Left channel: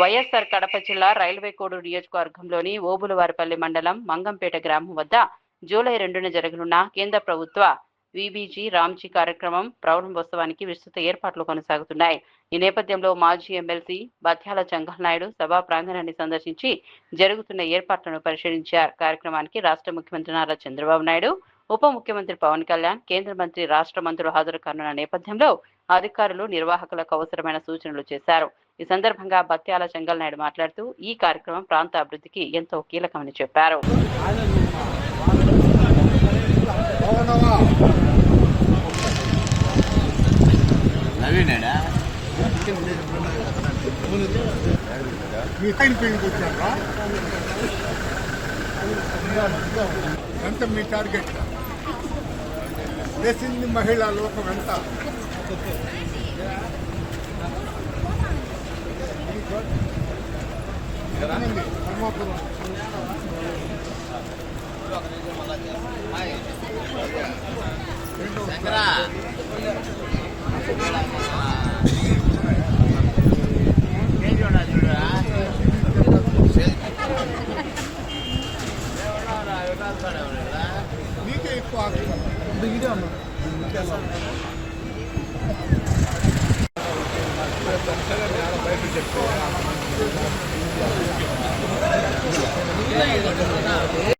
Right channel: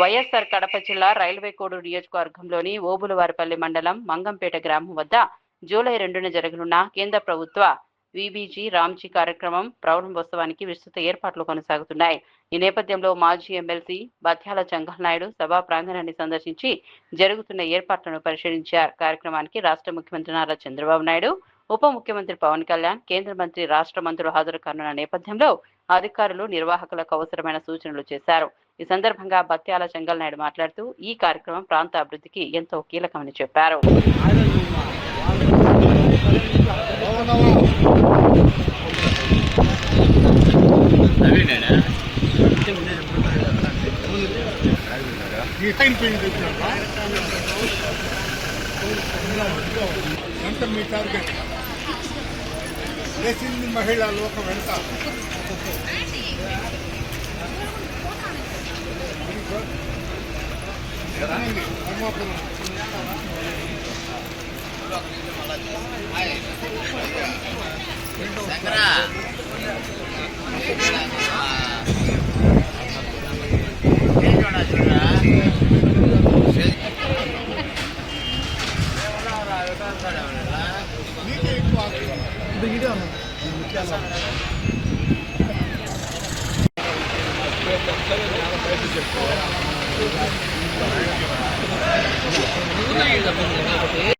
వైఎస్ఆర్ కడప జిల్లా రైల్వే కోడూరు నియోజకవర్గంలోని ఓబులవారిపల్లి మండలం మంగంపేట గ్రామం వద్ద జూలై 2న జరగనున్న కేంద్ర ప్రభుత్వ వీబీజీ రామ్జీ కార్యక్రమం ప్రారంభోత్సవానికి విస్తృత ఏర్పాట్లు కొనసాగుతున్నాయి. ఈ నేపథ్యంలో మాజీ ఎమ్మెల్సీ బత్యాల చెంగల్ నాయుడు సభా ప్రాంగణాన్ని సందర్శించి జరుగుతున్న ఏర్పాట్లను పరిశీలించారు. కార్యక్రమానికి రాష్ట్ర ముఖ్యమంత్రి నారా చంద్రబాబు నాయుడు, ఉప ముఖ్యమంత్రి పవన్ కళ్యాణ్, కేంద్ర మంత్రి, రాష్ట్ర మంత్రులు హాజరు కానున్న నేపథ్యంలో అధికారులు, నిర్వాహకులకు అవసరమైన సూచనలు చేశారు. ఈ సందర్భంగా బత్యాల చెంగల్ నాయుడు మాట్లాడుతూ ఈ కార్యక్రమం ప్రాంత అభివృద్ధికి ఎంతో కీలకమని చెప్పారు. ఎంత మీ టార్గెట్ చేసింది మహిళా లోకం ఎంత ధర్మాపురం నీకే ఎక్కువ Thank you.